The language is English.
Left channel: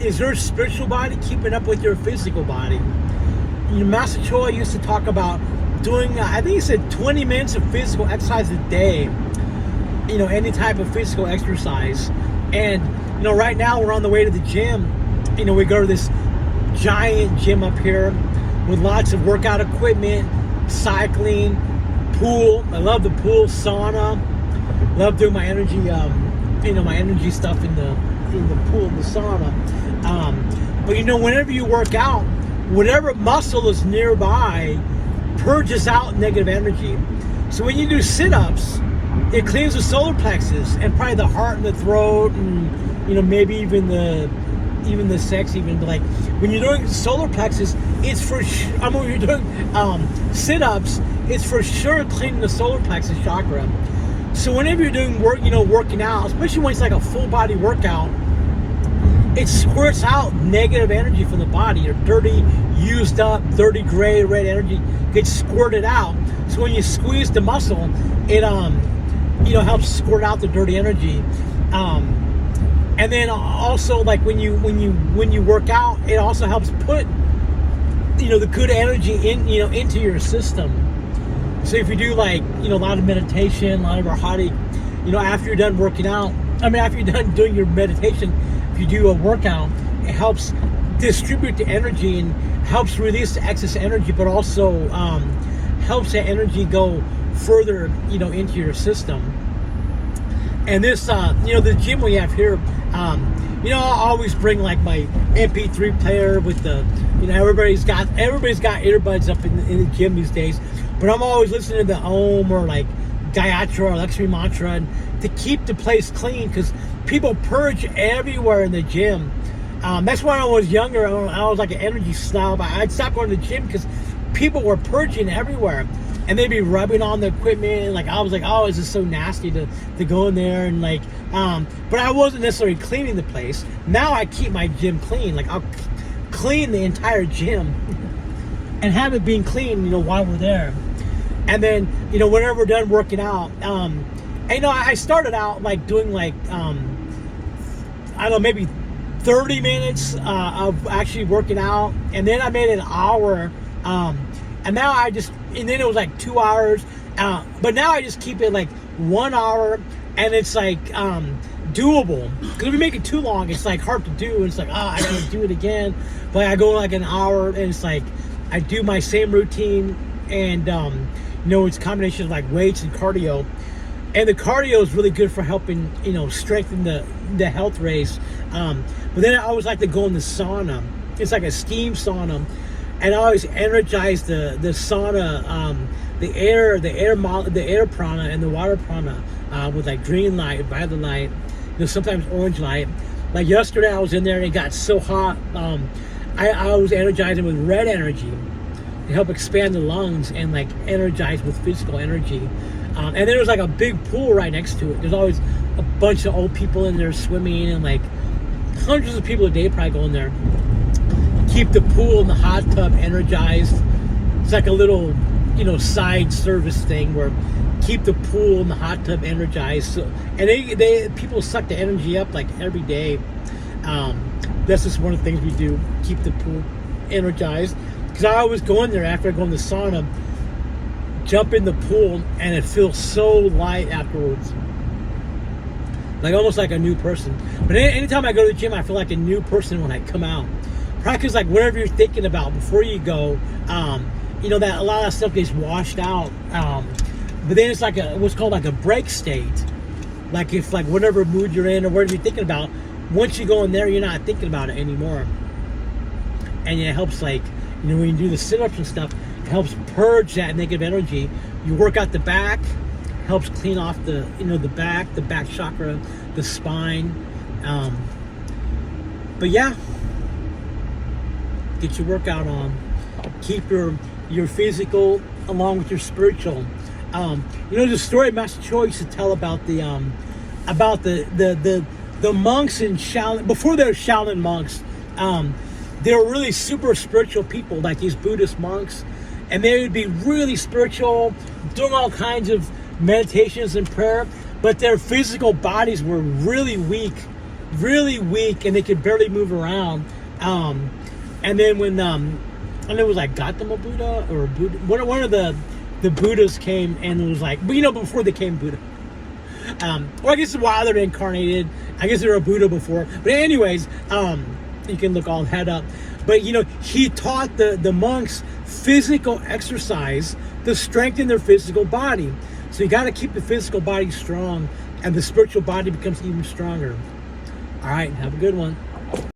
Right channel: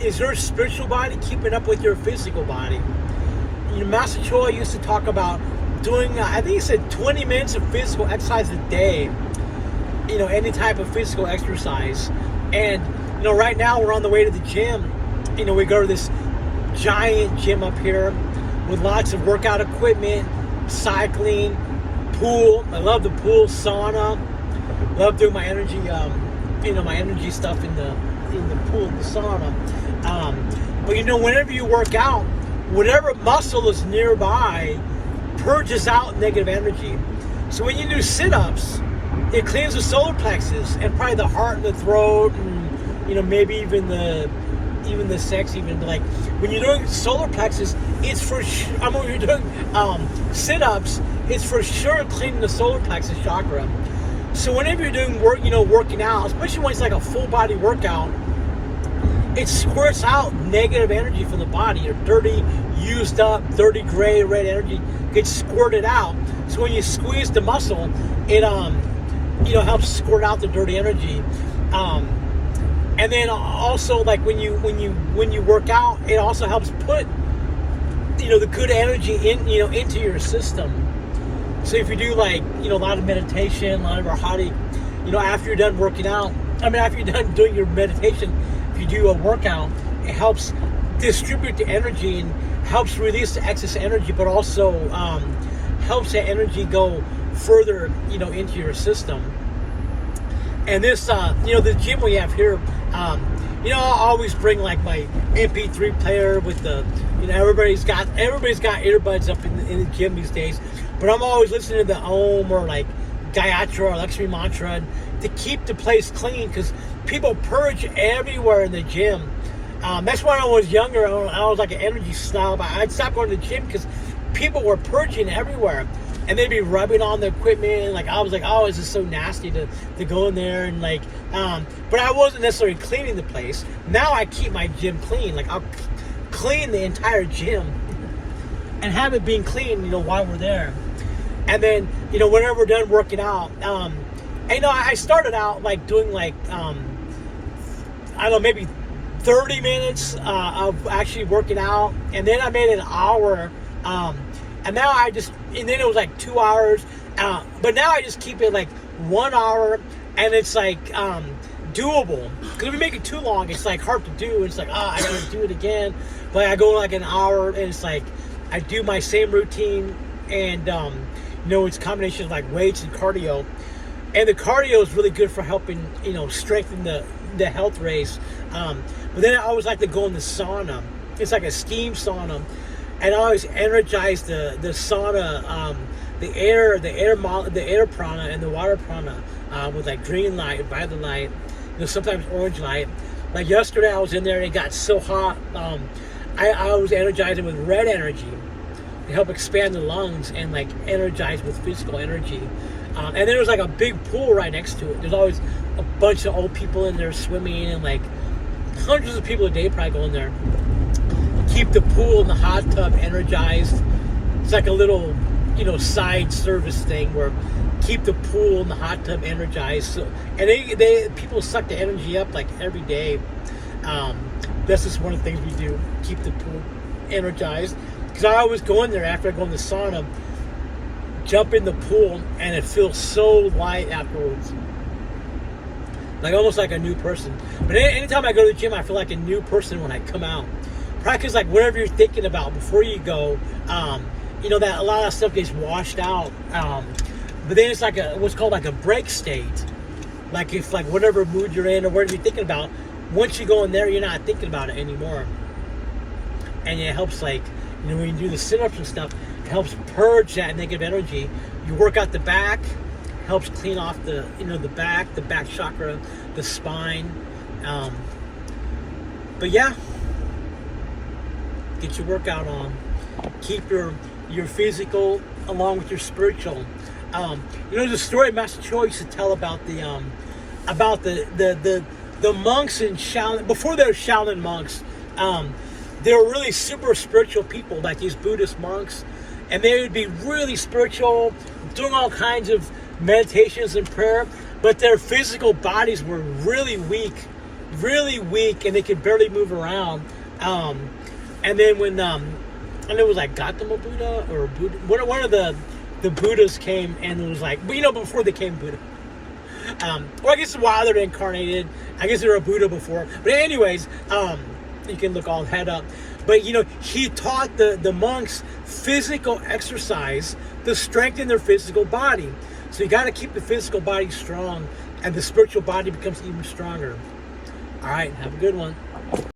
is your spiritual body keeping up with your physical body? You know, Master Choa used to talk about doing, I think he said 20 minutes of physical exercise a day. You know, any type of physical exercise. And, you know, right now we're on the way to the gym. You know, we go to this giant gym up here with lots of workout equipment, cycling, pool. I love the pool, sauna. Love doing my energy, you know, my energy stuff in the pool and the sauna. But you know, whenever you work out, whatever muscle is nearby purges out negative energy. So when you do sit-ups, it clears the solar plexus and probably the heart and the throat, and you know, maybe even the sex even. But like when you're doing solar plexus, it's for I mean, when you're doing sit-ups, it's for sure cleaning the solar plexus chakra. So whenever you're doing work, you know, working out, especially when it's like a full body workout, it squirts out negative energy from the body, or dirty, used up, dirty gray, red energy gets squirted out. So when you squeeze the muscle, it you know, helps squirt out the dirty energy. And then also, like when you work out, it also helps put, you know, the good energy in, you know, into your system. So if you do, like, you know, a lot of meditation, a lot of arhati, you know, after you're done working out, I mean, after you're done doing your meditation, if you do a workout, it helps distribute the energy and helps release the excess energy, but also helps that energy go further, you know, into your system. And this, you know, the gym we have here, you know, I always bring like my MP3 player with the, you know, everybody's got earbuds up in the gym these days, but I'm always listening to the Om or like Gayatri or Lakshmi mantra, and to keep the place clean, because people purge everywhere in the gym. That's why when I was younger, I was like an energy snob. I'd stop going to the gym because people were purging everywhere, and they'd be rubbing on the equipment. Like I was like, oh, is this so nasty to go in there, and like, but I wasn't necessarily cleaning the place. Now I keep my gym clean. Like I'll clean the entire gym and have it being clean, you know, while we're there. And then, you know, whenever we're done working out, and you know, I started out like doing like, I don't know, maybe 30 minutes of actually working out, and then I made an hour, and now and then it was like 2 hours, but now I just keep it like 1 hour, and it's like doable, because if you make it too long, it's like hard to do. It's like, I gotta do it again. But I go like an hour, and it's like I do my same routine, and you know, it's a combination of like weights and cardio. And the cardio is really good for helping, you know, strengthen the health race. But then I always like to go in the sauna. It's like a steam sauna, and I always energize the sauna, the air prana and the water prana with like green light, violet light, you know, sometimes orange light. Like yesterday, I was in there and it got so hot. I was energizing with red energy to help expand the lungs and like energize with physical energy. And there was like a big pool right next to it. There's always a bunch of old people in there swimming, and like hundreds of people a day probably go in there. Keep the pool and the hot tub energized. It's like a little, you know, side service thing where keep the pool and the hot tub energized. So, and people suck the energy up like every day. This is one of the things we do, keep the pool energized. Because I always go in there after I go in the sauna, jump in the pool, and it feels so light afterwards, like almost like a new person. But anytime I go to the gym, I feel like a new person when I come out. Practice like whatever you're thinking about before you go. You know, that a lot of stuff gets washed out. But then it's like what's called like a break state. Like if like whatever mood you're in or whatever you're thinking about, once you go in there, you're not thinking about it anymore. And it helps, like, you know, when you do the sit-ups and stuff, it helps purge that negative energy. You work out the back, helps clean off the, you know, the back chakra, the spine. But yeah, get your workout on. Keep your physical along with your spiritual. You know, there's a story Master Choa used to tell about the monks in Shaolin. Before they were Shaolin monks, they were really super spiritual people, like these Buddhist monks, and they would be really spiritual, doing all kinds of, meditations and prayer, but their physical bodies were really weak. really weak and they could barely move around. And then when and it was like Gautama Buddha or Buddha, one of the Buddhas came, and it was like, but before they came Buddha. Or I guess while they're incarnated, I guess they were a Buddha before. But anyways, you can look all that up. But he taught the monks physical exercise to strengthen their physical body. So you got to keep the physical body strong, and the spiritual body becomes even stronger. All right, have a good one.